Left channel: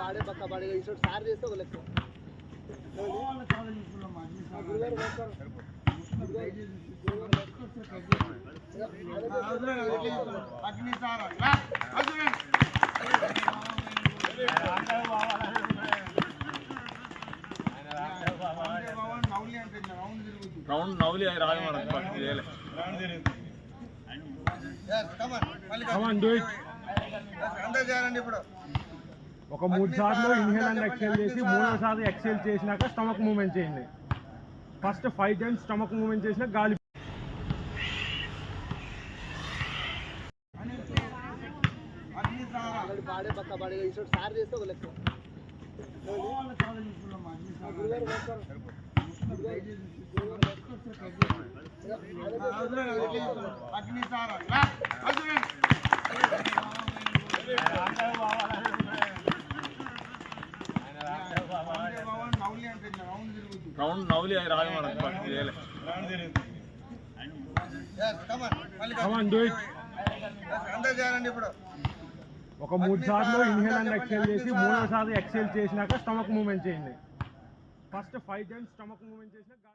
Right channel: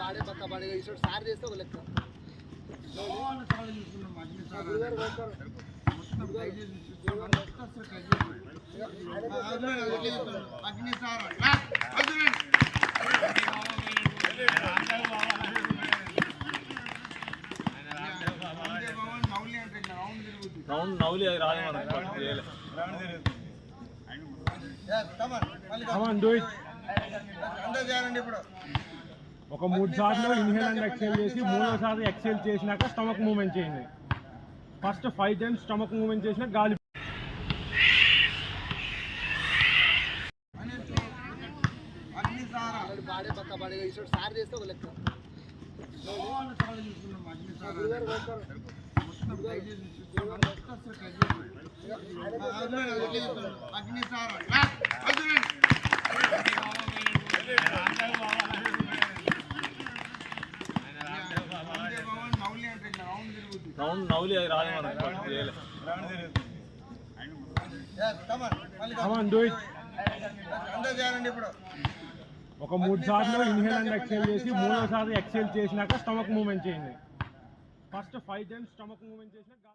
పాడే పక్క పాడే ఇటు సార్ చేస్తే ఒక లెక్క రౌండ్ నౌలి రాదు ఇప్పుడు ఒక 3 సార్లు ఇన్హేల్ అండ్ ఎక్సేల్ చేసి మూడోసారి ఎక్సేల్ చేసినాక స్టమక్ మూవ్మెంట్ చేయండి. ఫస్ట్ 5 టైమ్స్ స్టమక్ మూవ్మెంట్ చేసినా గాలి పాడే పక్క పాడే ఇటు సార్ చేస్తే ఒక లెక్క రౌండ్ నౌలి రాదు ఇప్పుడు ఒక 3 సార్లు ఇన్హేల్ అండ్ ఎక్సేల్ చేసి మూడోసారి ఎక్సేల్ చేసినాక స్టమక్ మూవ్మెంట్ చేయండి. ఫస్ట్ 5 టైమ్స్ స్టమక్ మూవ్మెంట్ చేసినా గాలి